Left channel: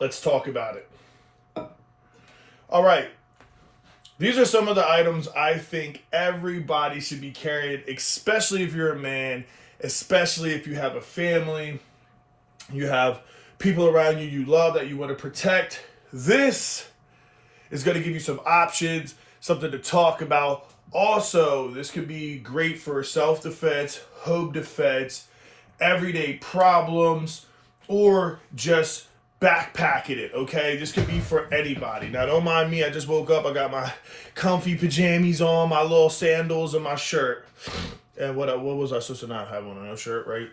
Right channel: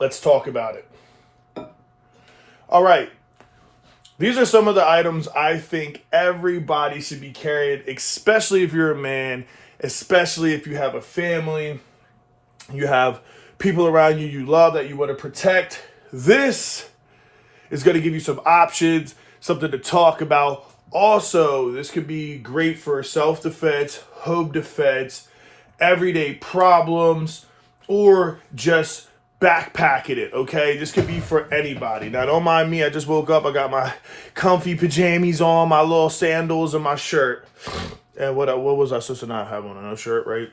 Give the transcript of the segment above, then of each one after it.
Let's talk about it. All right. These are some of the items I think everybody should be carrying, especially if you're a man, especially if you have a family, you have people around you you love that you want to protect. This is going to give you some options, something to talk about. Also, this could be great for self-defense, home defense, everyday problems, or just backpacking it, okay? This could be for anybody. Now, don't mind me. I just woke up. I got my comfy pajamas on, my little sandals, and my shirt. And what was I supposed to not have on? No shirt, right?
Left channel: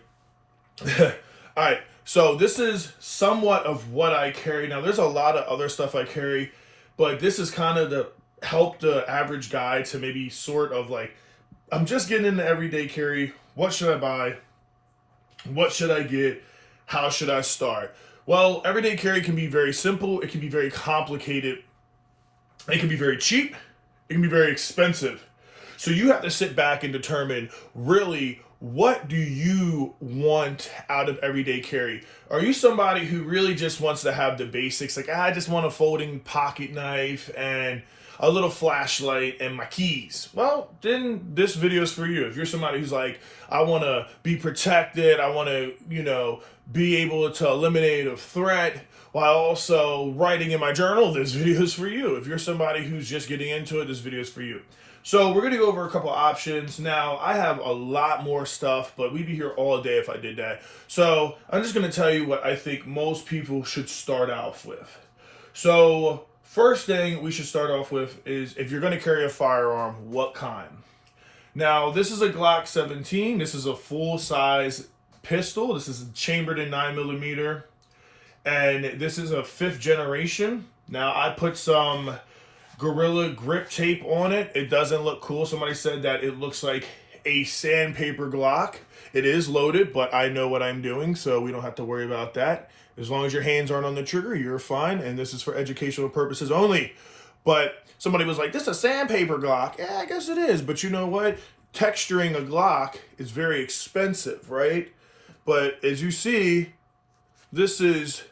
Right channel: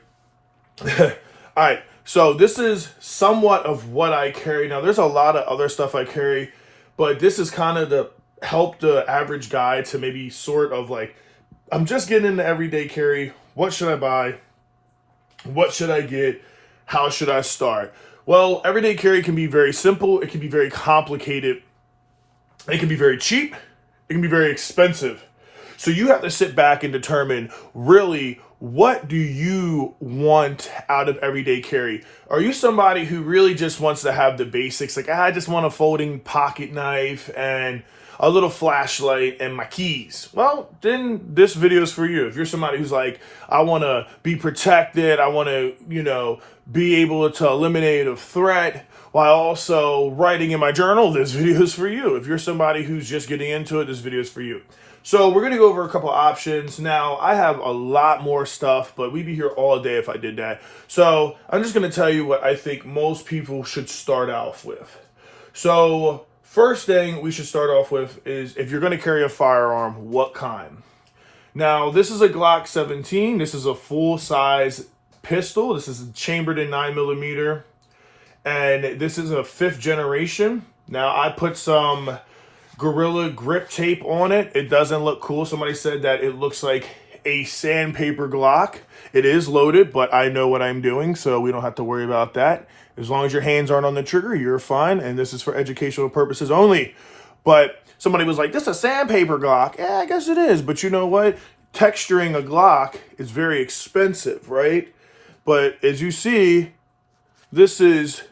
All right. So this is somewhat of what I carry. Now, there's a lot of other stuff I carry, but this is kind of to help the average guy to maybe sort of like, I'm just getting into everyday carry. What should I buy? What should I get? How should I start? Well, everyday carry can be very simple. It can be very complicated. It can be very cheap. It can be very expensive. So you have to sit back and determine really what do you want out of everyday carry? Are you somebody who really just wants to have the basics? Like, I just want a folding pocket knife and a little flashlight and my keys. Well, then this video is for you. If you're somebody who's like, I want to be protected, I want to, be able to eliminate a threat while also writing in my journal, this video is for you. If you're somebody who's just getting into it, this video is for you. So we're going to go over a couple options. Now, I have a lot more stuff, but we'd be here all day if I did that. So I'm just going to tell you what I think most people should start off with. So first thing we should start off with is if you're going to carry a firearm, what kind? Now, this is a Glock 17. This is a full-size pistol. This is chambered in 9mm. And this is a 5th generation. Now, I put some Gorilla Grip tape on it. It doesn't look cool. Somebody said that it looks like a sandpaper Glock. It is loaded, but I know what I'm doing, so we don't have to worry about that. As long as your hands aren't on the trigger, you're fine, and this is for educational purposes only. But somebody was like, this is a sandpaper Glock. Yeah, I guess it is, but you know what? Texturing a Glock is very expensive, right? But as you see, this is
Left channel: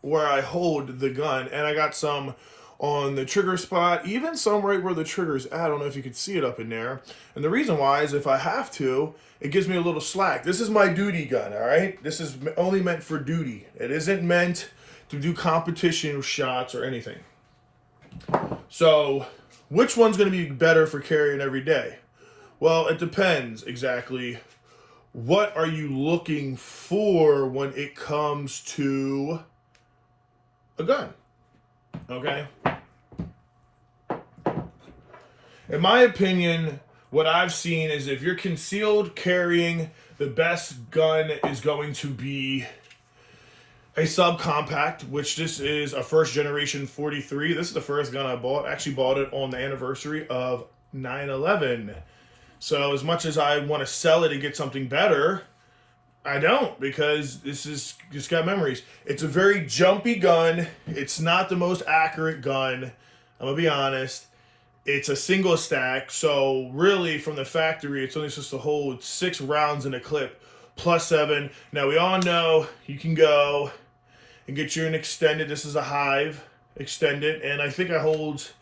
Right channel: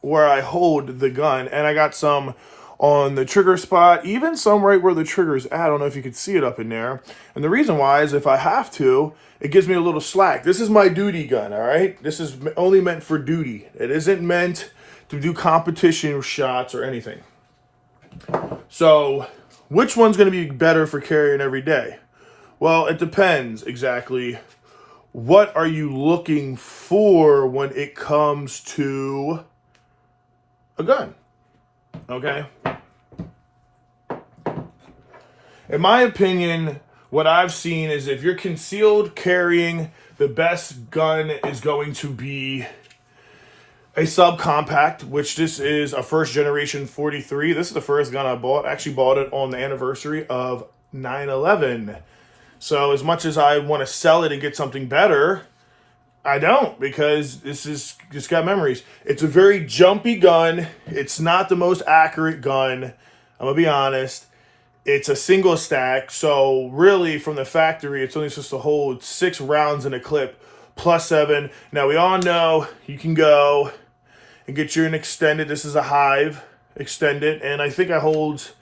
where I hold the gun, and I got some on the trigger spot, even some right where the trigger's at. I don't know if you can see it up in there. And the reason why is if I have to, it gives me a little slack. This is my duty gun, all right? This is only meant for duty. It isn't meant to do competition shots or anything. So which one's going to be better for carrying every day? Well, it depends exactly. What are you looking for when it comes to a gun? Okay? In my opinion, what I've seen is if you're concealed carrying, the best gun is going to be a subcompact, which this is a 1st generation 43. This is the first gun I bought. I actually bought it on the anniversary of 9/11. So as much as I want to sell it and get something better, I don't, because this is just got memories. It's a very jumpy gun. It's not the most accurate gun. I'm going to be honest. It's a single stack. So really from the factory, it's only supposed to hold 6 rounds in a clip plus 7. Now we all know you can go and get you an extended. This is a Hive extended. And I think I hold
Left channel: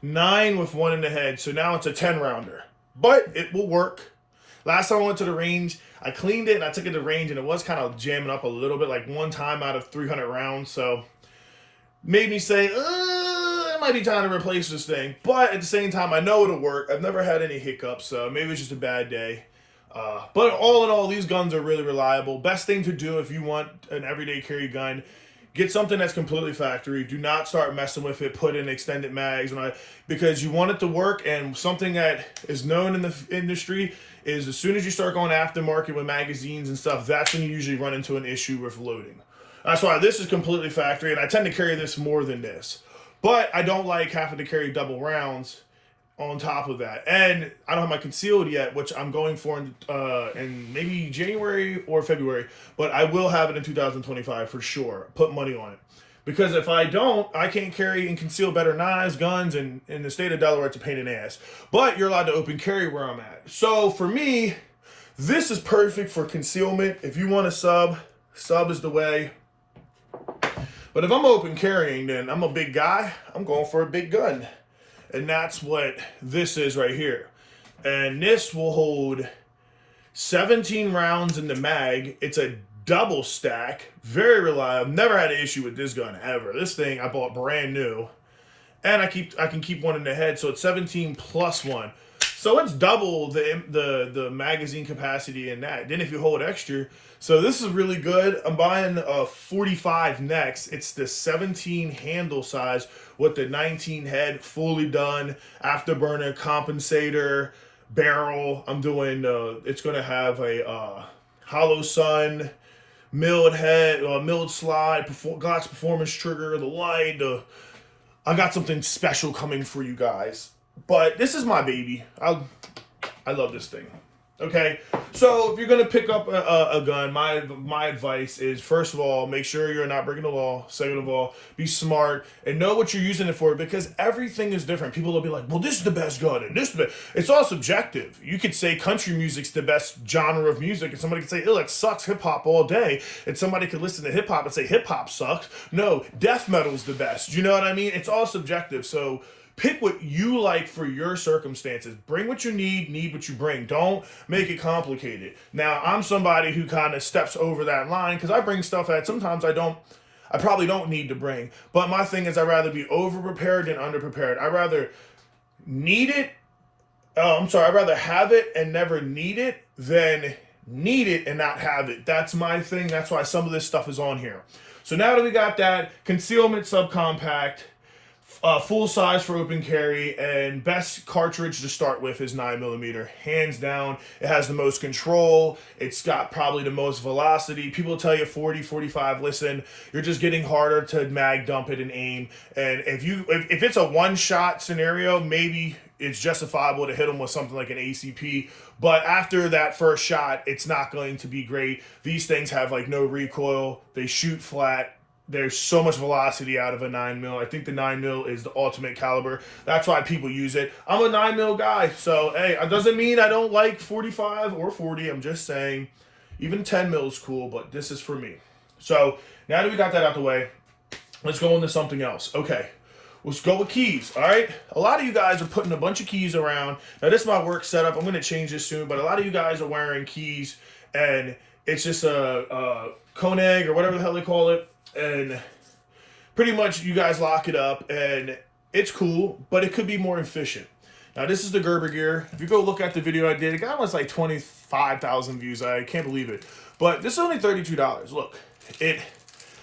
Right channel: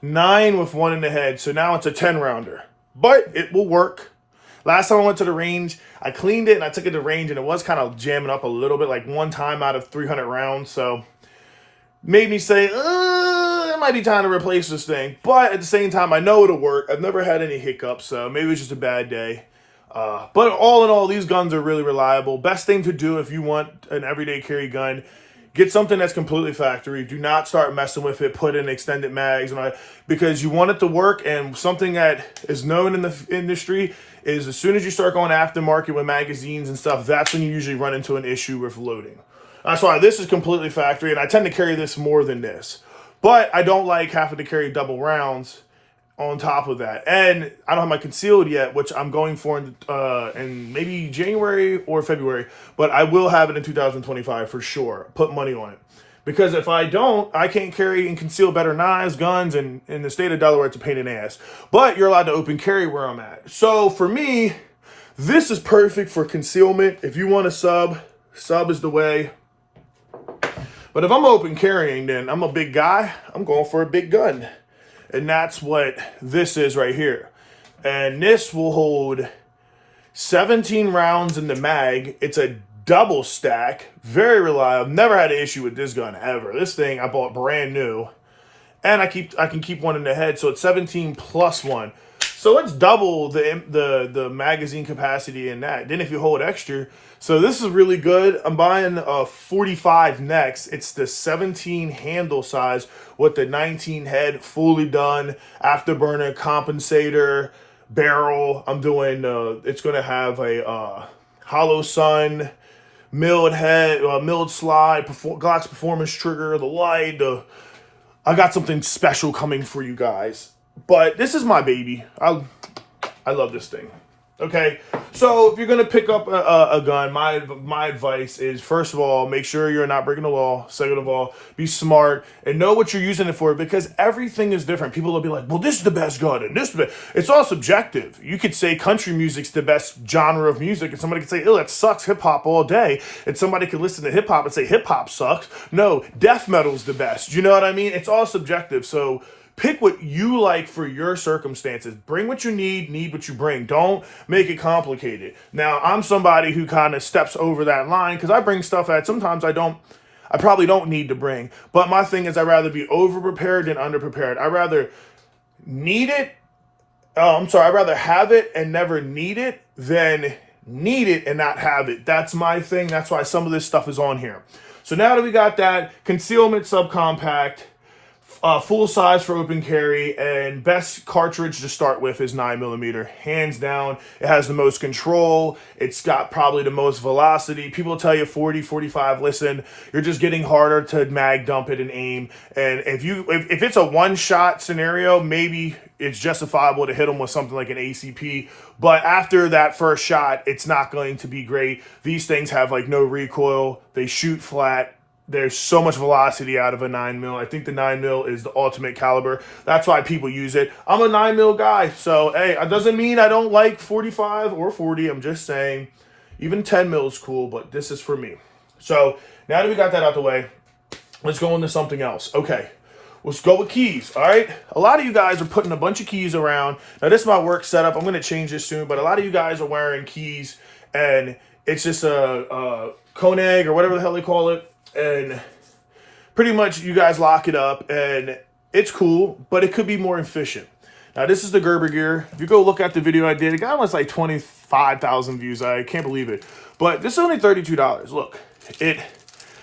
9 with 1 in the head. So now it's a 10 rounder. But it will work. Last time I went to the range, I cleaned it and I took it to range and it was kind of jamming up a little bit, like one time out of 300 rounds. So made me say, it might be time to replace this thing. But at the same time, I know it'll work. I've never had any hiccups, so maybe it's just a bad day. But all in all, these guns are really reliable. Best thing to do if you want an everyday carry gun, get something that's completely factory. Do not start messing with it. Put in extended mags and all that, because you want it to work. And something that is known in the industry is as soon as you start going aftermarket with magazines and stuff, that's when you usually run into an issue with loading. That's why this is completely factory, and I tend to carry this more than this. But I don't like having to carry double rounds on top of that. And I don't have my concealed yet, which I'm going for in maybe January or February, but I will have it in 2025 for sure. Put money on it. Because if I don't, I can't carry and conceal better knives, guns, and in the state of Delaware, it's a pain in the ass. But you're allowed to open carry where I'm at. So for me, this is perfect for concealment. If you want a sub is the way. But if I'm open carrying, then I'm a big guy. I'm going for a big gun. And that's what this is right here. And this will hold 17 rounds in the mag. It's a double stack. Very reliable. Never had an issue with this gun ever. This thing I bought brand new. And I can keep one in the head. So it's 17 plus 1. So it's double the magazine capacity in that. Then if you hold extra, so this is really good. I'm buying a 45 next. It's the 17 handle size with the 19 head, fully done, afterburner, compensator, barrel. I'm doing, it's going to have a hollow sun, milled head, milled slide, Glock's performance trigger, the light. I got something special coming for you guys. But this is my baby. I love this thing. Okay, so if you're gonna pick up a gun, my advice is, first of all, make sure you're not breaking the law. Second of all, be smart and know what you're using it for, because everything is different. People will be like, well, this is the best gun, and this is the best. It's all subjective. You could say country music's the best genre of music, and somebody could say, oh, that sucks, hip hop all day, and somebody could listen to hip hop and say hip hop sucks. No, death metal's the best. You know what I mean? It's all subjective. So pick what you like for your circumstances. Bring what you need what you bring. Don't make it complicated. Now, I'm somebody who kind of steps over that line because I bring stuff that sometimes I probably don't need to bring. But my thing is, I'd rather be over-prepared than under-prepared. I'd rather I'd rather have it and never need it than need it and not have it. That's my thing. That's why some of this stuff is on here. So now that we got that, concealment subcompact, full size for open carry, and best cartridge to start with is 9mm. Hands down, it has the most control. It's got probably the most velocity. People tell you 40, 45. Listen, you're just getting harder to mag dump it and aim. And if it's a one-shot scenario, maybe it's justifiable to hit them with something like an ACP. But after that first shot, it's not going to be great. These things have like no recoil. They shoot flat. There's so much velocity out of a 9mm. I think the 9mm is the ultimate caliber. That's why people use it. I'm a 9mm guy. So, hey, it doesn't mean I don't like 45 or 40. I'm just saying even 10mm is cool, but this is for me. So, now that we got that out the way, let's go into something else. Okay, let's go with keys, all right? A lot of you guys are putting a bunch of keys around. Now, this is my work setup. I'm going to change this soon, but a lot of you guys are wearing keys, and it's just a Koenig or whatever the hell they call it. And pretty much you guys lock it up and it's cool, but it could be more efficient. Now, this is the Gerber gear. If you go look at the video I did, it got almost like 25,000 views. I can't believe it. But this is only $32. Look, it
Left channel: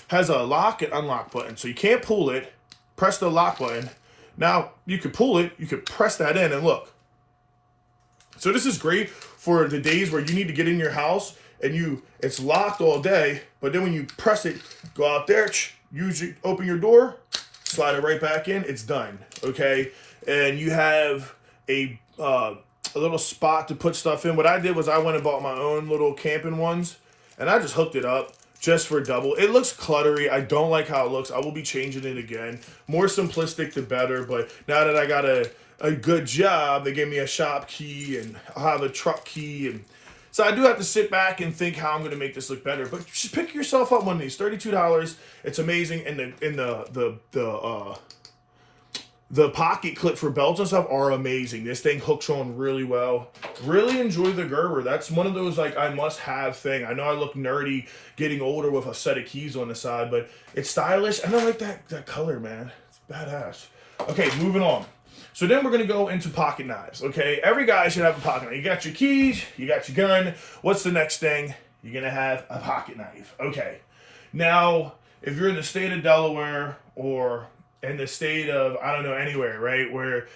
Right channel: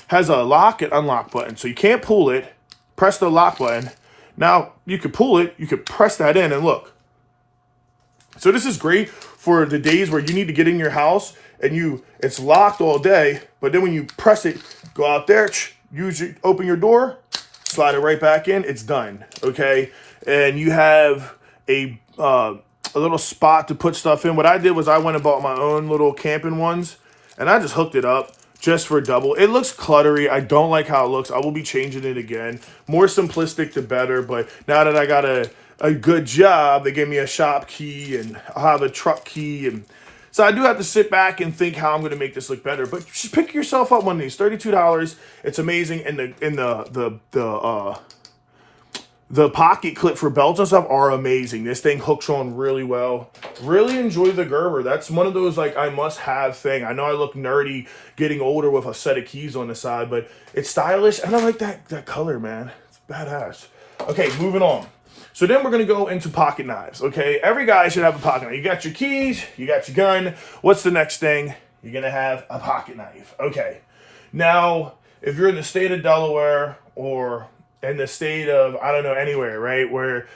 has a lock and unlock button. So you can't pull it, press the lock button. Now, you could pull it, you could press that in and look. So this is great for the days where you need to get in your house and it's locked all day, but then when you press it, go out there, open your door, slide it right back in, it's done, okay? And you have a little spot to put stuff in. What I did was I went and bought my own little camping ones, and I just hooked it up just for double. It looks cluttery. I don't like how it looks. I will be changing it again. More simplistic to better, but now that I got a good job, they gave me a shop key, and I'll have a truck key, and so I do have to sit back and think how I'm going to make this look better. But just pick yourself up one of these. $32. It's amazing. And the pocket clip for belts and stuff are amazing. This thing hooks on really well. Really enjoy the Gerber. That's one of those like I must have thing. I know I look nerdy getting older with a set of keys on the side, but it's stylish. And I like that color, man. It's badass. Okay, moving on. So then we're going to go into pocket knives, okay? Every guy should have a pocket knife. You got your keys, you got your gun. What's the next thing? You're going to have a pocket knife. Okay. Now, if you're in the state of Delaware or in the state of, I don't know, anywhere, right, where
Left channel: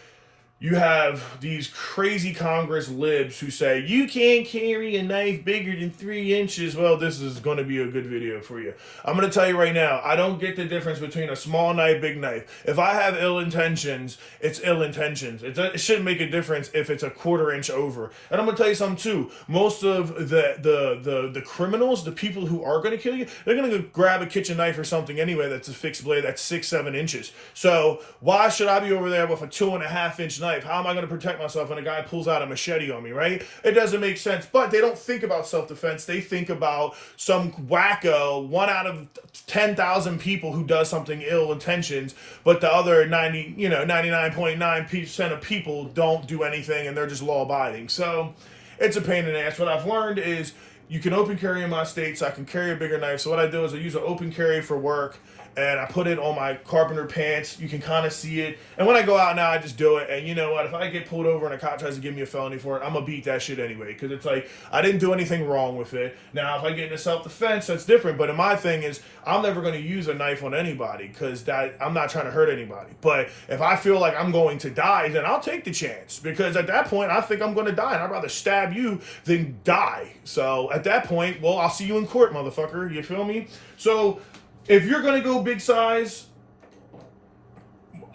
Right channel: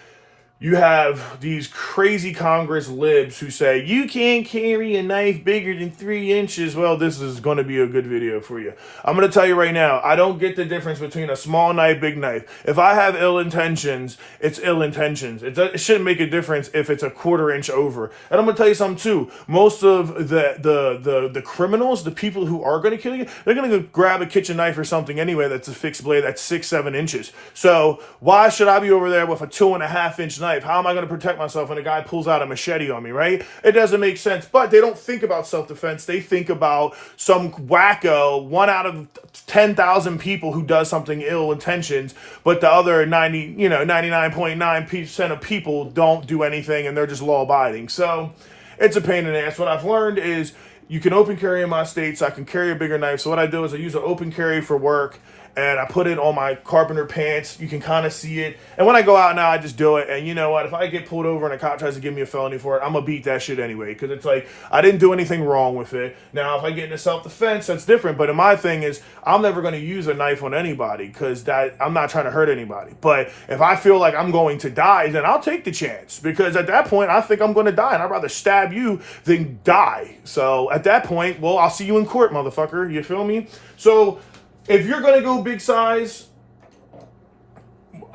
you have these crazy Congress libs who say, you can't carry a knife bigger than 3 inches. Well, this is going to be a good video for you. I'm going to tell you right now, I don't get the difference between a small knife, big knife. If I have ill intentions, it's ill intentions. It shouldn't make a difference if it's a 1/4 inch over. And I'm going to tell you something too. Most of the criminals, the people who are going to kill you, they're going to go grab a kitchen knife or something anyway that's a fixed blade that's 6-7 inches. So why should I be over there with a 2.5 inch knife knife. How am I going to protect myself when a guy pulls out a machete on me, right? It doesn't make sense. But they don't think about self-defense. They think about some wacko, 1 out of 10,000 people who does something ill intentions, but the other 99.9% of people don't do anything and they're just law abiding. So it's a pain in the ass. What I've learned is you can open carry in my state, so I can carry a bigger knife. So what I do is I use an open carry for work, and I put it on my carpenter pants. You can kind of see it. And when I go out now, I just do it. And you know what? If I get pulled over and a cop tries to give me a felony for it, I'm going to beat that shit anyway. Because it's like, I didn't do anything wrong with it. Now, if I get into self-defense, that's different. But my thing is, I'm never going to use a knife on anybody because I'm not trying to hurt anybody. But if I feel like I'm going to die, then I'll take the chance. Because at that point, I think I'm going to die. And I'd rather stab you than die. So at that point, well, I'll see you in court, motherfucker. You feel me? So if you're going to go big size,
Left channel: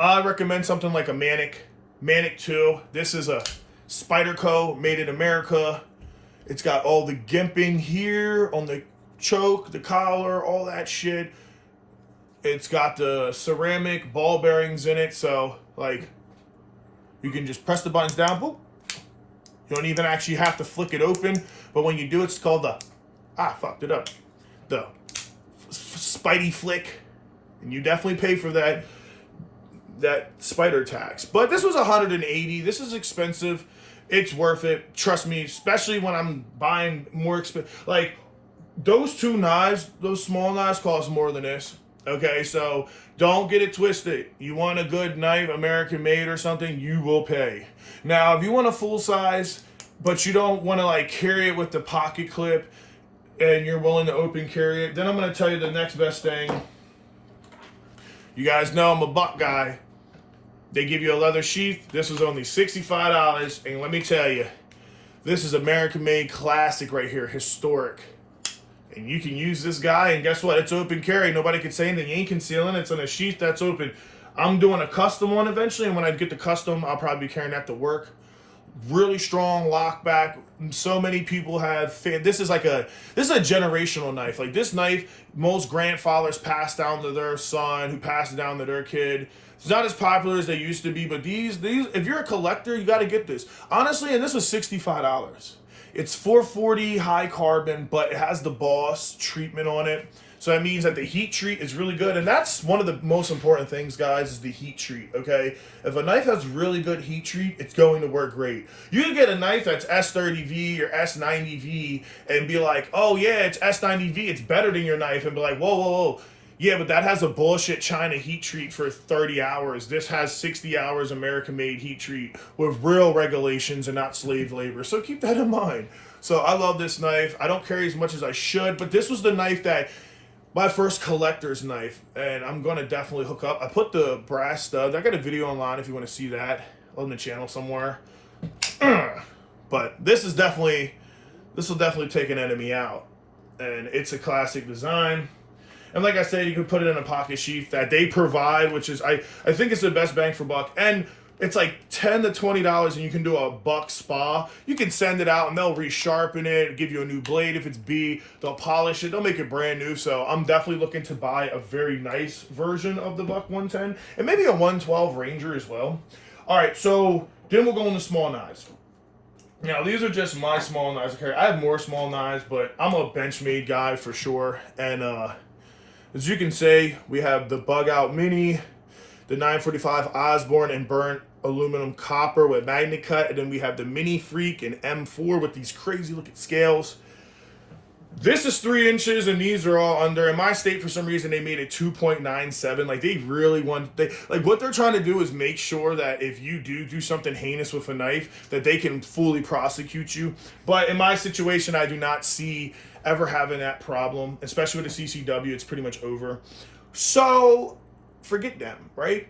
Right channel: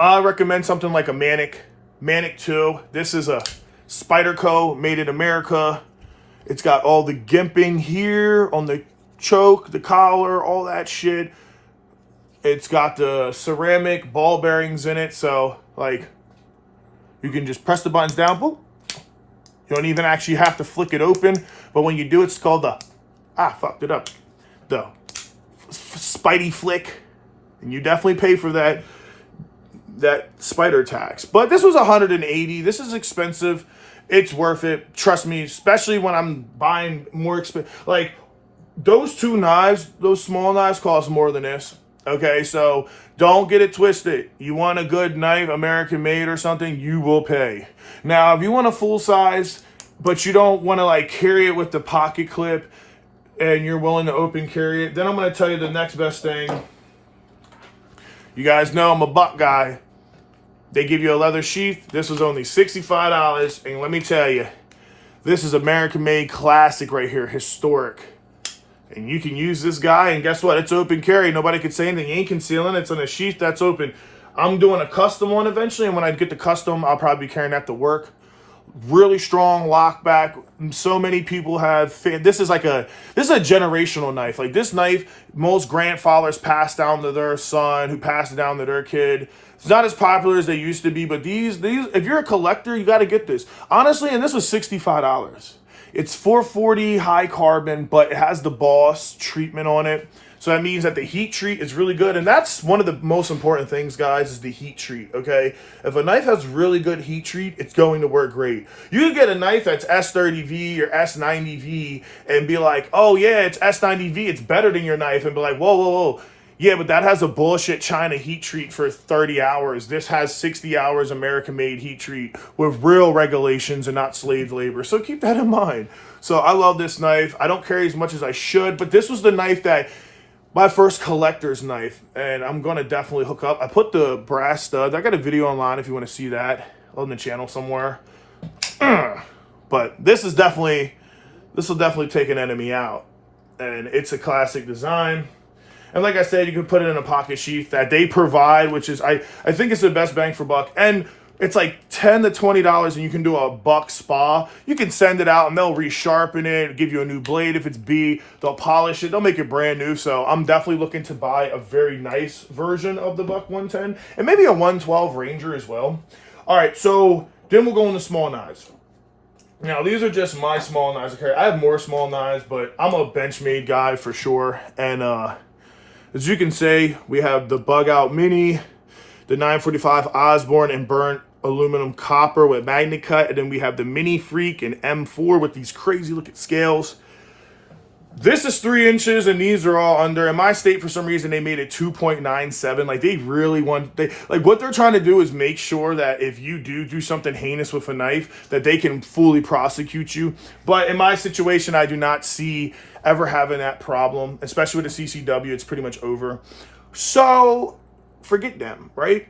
I recommend something like a Manic 2. This is a Spyderco, made in America. It's got all the gimping here on the choke, the collar, all that shit. It's got the ceramic ball bearings in it, so like you can just press the buttons down. Boop. You don't even actually have to flick it open, but when you do, it's called the fucked it up. The Spidey flick, and you definitely pay for that spider tax. But this was $180. This is expensive. It's worth it. Trust me, especially when I'm buying more expensive. Like those two knives, those small knives cost more than this. Okay, so don't get it twisted. You want a good knife, American made or something, you will pay. Now, if you want a full size, but you don't want to like carry it with the pocket clip, and you're willing to open carry it, then I'm going to tell you the next best thing. You guys know I'm a buck guy. They give you a leather sheath. This was only $65, and let me tell you, this is American-made classic right here, historic. And you can use this guy, and guess what? It's open carry. Nobody can say anything. You ain't concealing. It's on a sheath that's open. I'm doing a custom one eventually, and when I get the custom, I'll probably be carrying that to work. Really strong lock back. So many people have this is a generational knife. Like this knife, most grandfathers pass down to their son, who passed it down to their kid. It's not as popular as they used to be, but these if you're a collector, you got to get this. Honestly, and this was $65. It's 440 high carbon, but it has the Boss treatment on it. So that means that the heat treat is really good. And that's one of the most important things, guys, is the heat treat, okay? If a knife has really good heat treat, it's going to work great. You can get a knife that's S30V or S90V and be like, oh, yeah, it's S90V. It's better than your knife. And be like, whoa, whoa, whoa. Yeah, but that has a bullshit China heat treat for 30 hours. This has 60 hours American-made heat treat with real regulations and not slave labor. So keep that in mind. So I love this knife. I don't carry as much as I should, but this was the knife that my first collector's knife, and I'm going to definitely hook up. I put the brass stud. I got a video online if you want to see that on the channel somewhere. But this will definitely take an enemy out. And it's a classic design. And like I said, you can put it in a pocket sheath that they provide, which is, I think it's the best bang for buck. And it's like $10 to $20, and you can do a buck spa. You can send it out, and they'll resharpen it, give you a new blade if it's B. They'll polish it. They'll make it brand new. So I'm definitely looking to buy a very nice version of the Buck 110, and maybe a 112 Ranger as well. All right, so then we'll go into small knives. Now, these are just my small knives. Okay, I have more small knives, but I'm a Benchmade guy for sure. And as you can see, we have the Bug Out Mini, the 945 Osborne and burnt aluminum copper with magnet cut, and then we have the Mini Freak and M4 with these crazy looking scales. This is 3 inches, and these are all under. In my state, for some reason, they made it 2.97. Like, they really want, what they're trying to do is make sure that if you do something heinous with a knife, that they can fully prosecute you. But in my situation, I do not see ever having that problem, especially with the CCW. It's pretty much over. So forget them, right?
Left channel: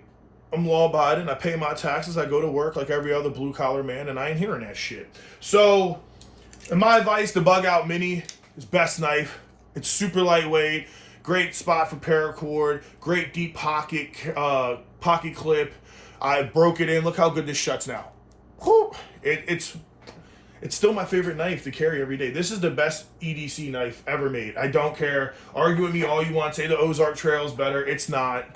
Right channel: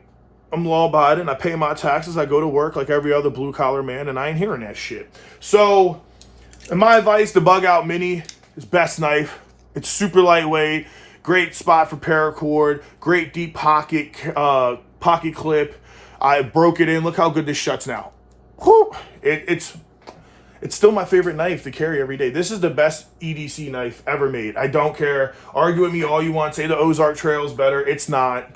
I'm law-abiding. I pay my taxes. I go to work like every other blue-collar man, and I ain't hearing that shit. So, in my advice, the Bug Out Mini is best knife. It's super lightweight, great spot for paracord, great deep pocket clip. I broke it in. Look how good this shuts now. Whew. It's still my favorite knife to carry every day. This is the best EDC knife ever made. I don't care. Argue with me all you want. Say the Ozark Trail is better. It's not.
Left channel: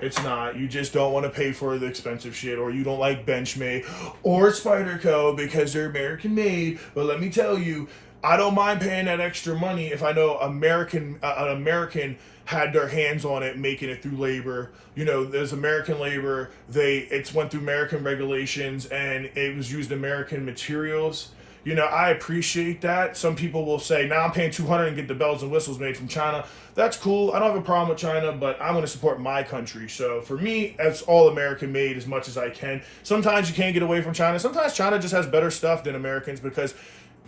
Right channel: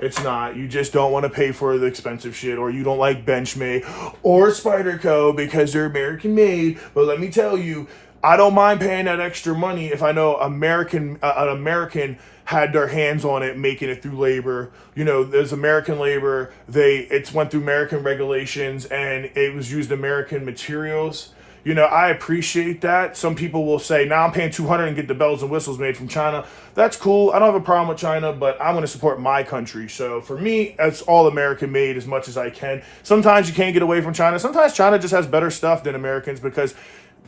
It's not. You just don't want to pay for the expensive shit, or you don't like Benchmade or Spyderco because they're American made. But let me tell you, I don't mind paying that extra money if I know an American had their hands on it, making it through labor. You know, there's American labor. It's went through American regulations, and it was used American materials. You know, I appreciate that. Some people will say, now I'm paying $200 and get the bells and whistles made from China. That's cool. I don't have a problem with China, but I'm going to support my country. So for me, that's all American made as much as I can. Sometimes you can't get away from China. Sometimes China just has better stuff than Americans because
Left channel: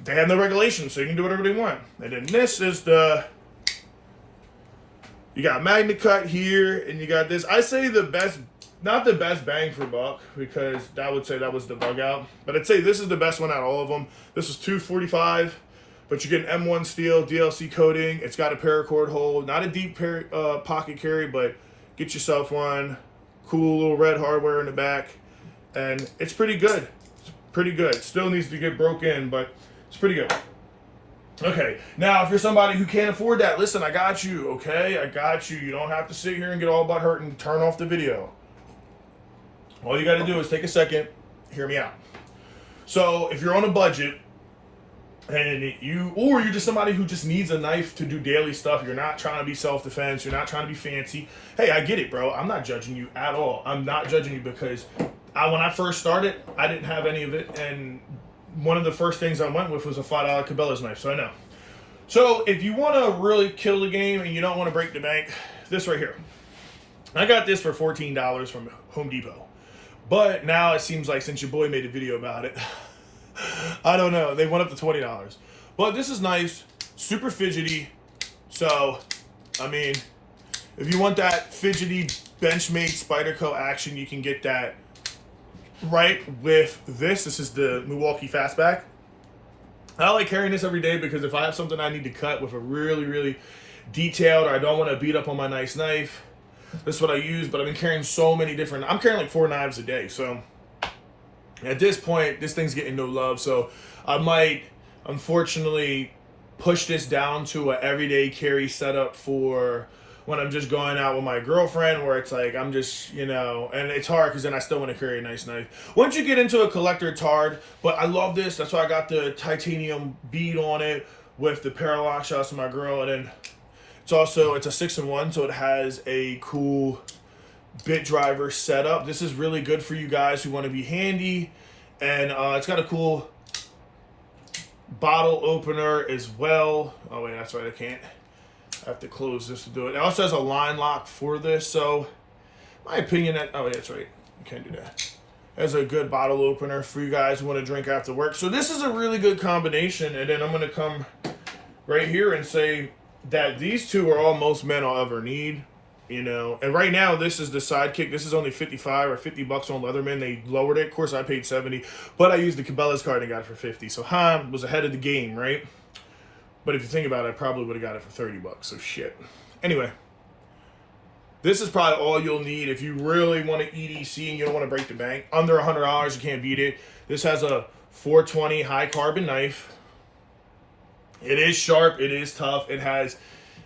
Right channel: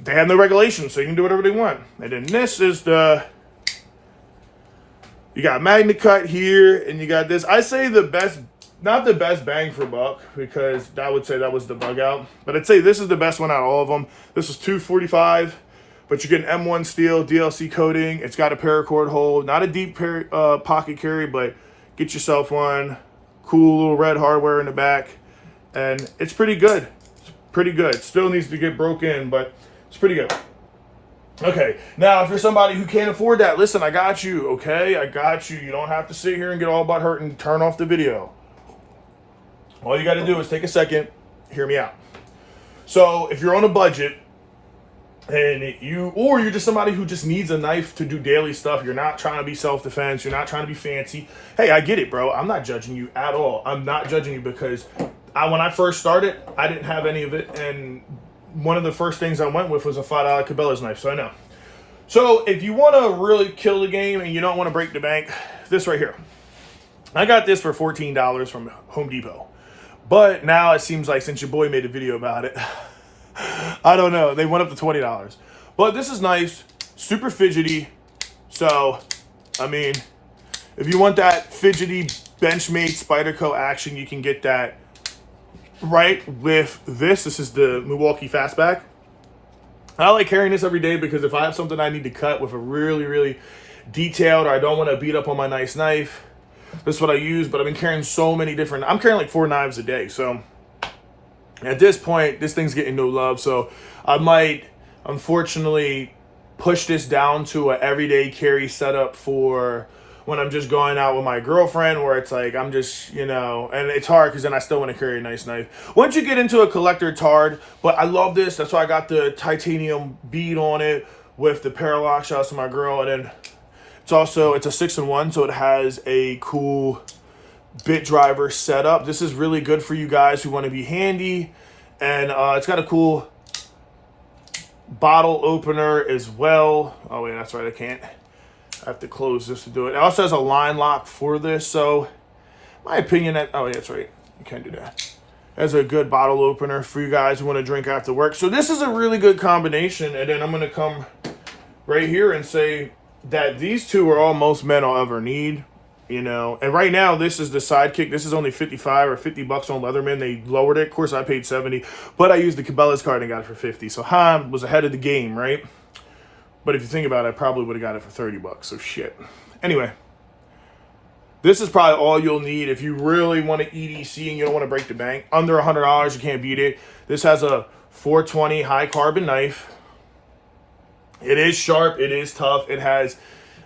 they have no regulations, so you can do whatever they want. And then this is you got Magna Cut here, and you got this. I say the best, not the best bang for buck, because I would say that was the bug out. But I'd say this is the best one out of all of them. This is $245, but you get an M1 steel DLC coating. It's got a paracord hole, not a deep pocket carry, but get yourself one. Cool little red hardware in the back, and it's pretty good. It's pretty good. Still needs to get broke in, but it's pretty good. Okay, now if you're somebody who can't afford that, listen, I got you, okay? I got you. You don't have to sit here and get all butt hurt and turn off the video. All you got to do is take a second, hear me out. So if you're on a budget, and you're just somebody who just needs a knife to do daily stuff, you're not trying to be self-defense, you're not trying to be fancy. Hey, I get it, bro. I'm not judging you at all. I'm not judging you because when I first started, I didn't have any of it, and one of the first things I went with was a $5 Cabela's knife, so I know. So if you want to really kill the game and you don't want to break the bank, this right here. I got this for $14 from Home Depot. But now it seems like since your boy made a video about it, I don't know, they went up to $20. But this is nice, super fidgety. So, I mean, if you want that fidgety Benchmade Spyderco action, you can get that right with this. This is the Milwaukee Fastback. I like carrying this every day because if I have something I need to cut with a really, really detailed, or I don't want to beat up on my nice knife, this is what I use. But I've been carrying so many different, I'm carrying like 4 knives a day. So at this point, this thing's getting no love. So I might, unfortunately, push this down to an everyday carry setup for when I'm just going out with my girlfriend, where it's like I'm just, you know, and it's hard because then I still want to carry a nice knife. Once you get into a collector, it's hard, but I love this. That's why I got the titanium bead on it with the parallax. Shout out to my girl. And then it's a 6-in-1, so it has a cool bit driver setup. This is really good for you guys who want to be handy, and it's got a cool bottle opener as well. Oh wait, that's right, I can't. I have to close this to do it. It also has a line lock for this, so my opinion that, oh yeah, that's right, you can't do that. That's a good bottle opener for you guys who want to drink after work. So this is a really good combination, and then I'm going to come right here and say that these two are all most men will ever need, you know. And right now, this is the Sidekick. This is only $55 or $50 on Leatherman. They lowered it. Of course, I paid $70, but I used the Cabela's card and got it for $50. So Han was ahead of the game, right? But if you think about it, I probably would have got it for $30. So shit. Anyway, this is probably all you'll need if you really want to EDC and you don't want to break the bank. Under $100, you can't beat it. This has a 420 high carbon knife. It is sharp. It is tough. It has,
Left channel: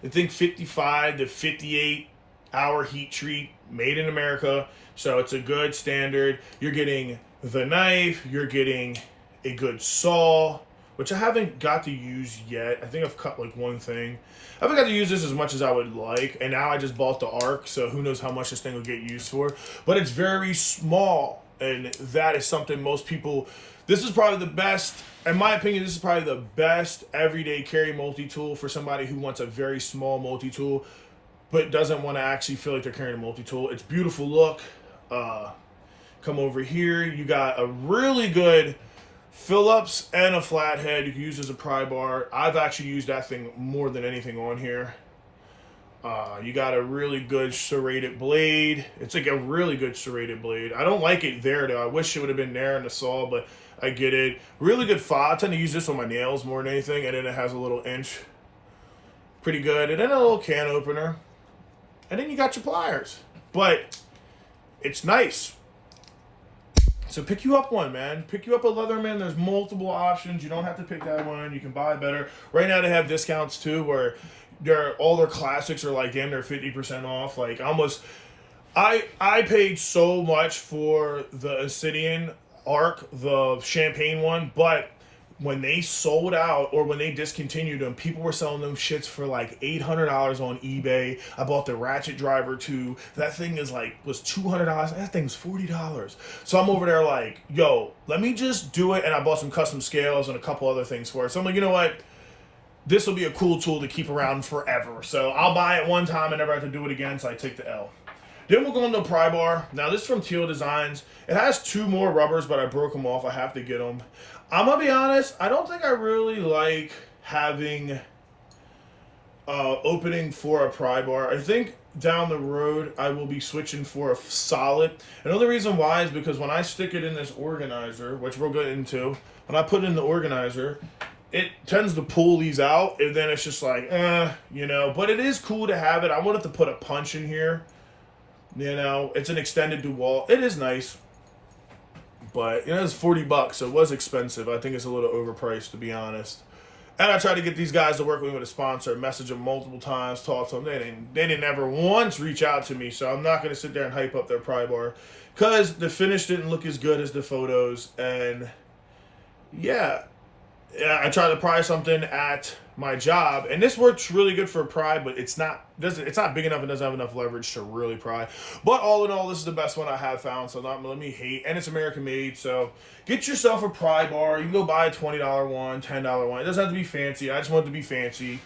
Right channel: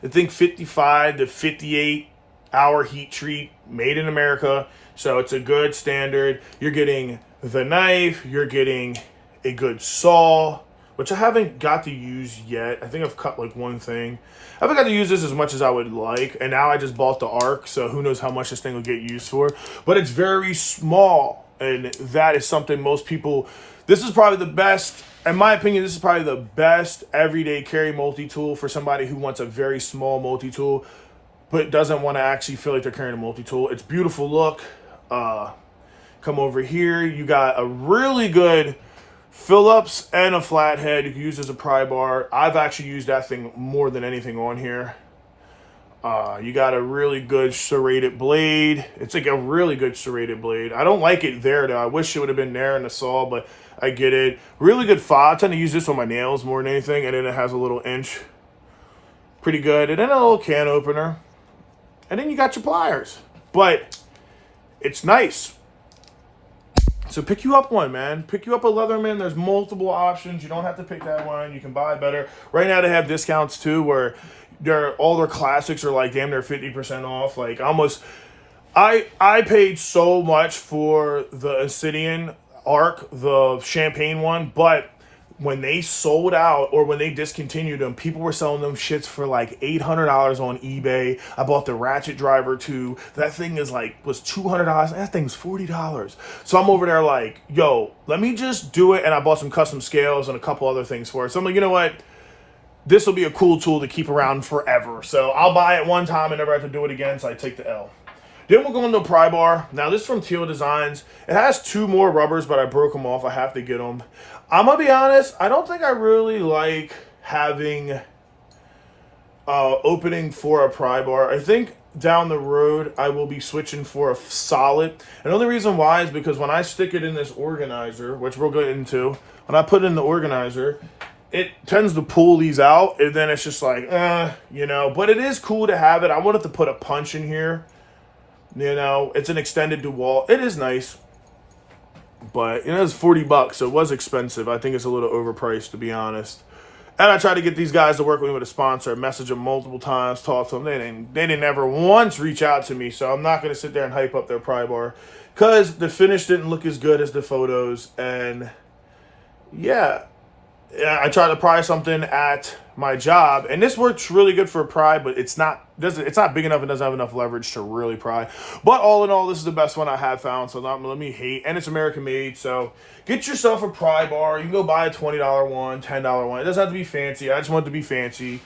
I think, 55 to 58 hour heat treat, made in America. So it's a good standard. You're getting the knife. You're getting a good saw, which I haven't got to use yet. I think I've cut like one thing. I haven't got to use this as much as I would like. And now I just bought the Arc, so who knows how much this thing will get used for. But it's very small, and that is something most people, this is probably the best, in my opinion, this is probably the best everyday carry multi-tool for somebody who wants a very small multi-tool, but doesn't want to actually feel like they're carrying a multi-tool. It's beautiful look. Come over here. You got a really good Phillips and a flathead. You can use as a pry bar. I've actually used that thing more than anything on here. You got a really good serrated blade. It's like a really good serrated blade. I don't like it there though. I wish it would have been there in the saw, but I get it. Really good file. I tend to use this on my nails more than anything, and then it has a little inch. Pretty good. And then a little can opener. And then you got your pliers. But it's nice. So pick you up one, man. Pick you up a Leatherman. There's multiple options. You don't have to pick that one. You can buy better. Right now they have discounts too, where all their classics are like damn near 50% off. Like almost, I paid so much for the Obsidian Arc, the champagne one, but when they sold out or when they discontinued them, people were selling them shits for like $800 on eBay. I bought the Ratchet Driver too. That thing was $200. That thing's $40. So I'm over there like, yo, let me just do it. And I bought some custom scales and a couple other things for it. So I'm like, you know what? This will be a cool tool to keep around forever. So I'll buy it one time and never have to do it again. So I take the L. Then we'll go into a pry bar. Now this is from Teal Designs. It has 2 more rubbers, but I broke them off. I have to get them. I'm going to be honest. I don't think I really like having opening for a pry bar. I think down the road I will be switching for a solid. Another reason why is because when I stick it in this organizer, which we'll get into, when I put it in the organizer, it tends to pull these out, and then it's just like, you know. But it is cool to have it. I wanted to put a punch in here. You know, it's an extended DeWalt. It is nice. But, you know, it's $40, so it was expensive. I think it's a little overpriced, to be honest. And I tried to get these guys to work with me with a sponsor. Message them multiple times, talk to them. They didn't ever once reach out to me, so I'm not going to sit there and hype up their pry bar. Because the finish didn't look as good as the photos. And, yeah, I tried to pry something at my job, and this works really good for a pry, but it's not big enough and doesn't have enough leverage to really pry. But all in all, this is the best one I have found, so not let me hate. And it's American made, so get yourself a pry bar. You can go buy a $20 one, $10 one. It doesn't have to be fancy. I just want it to be fancy.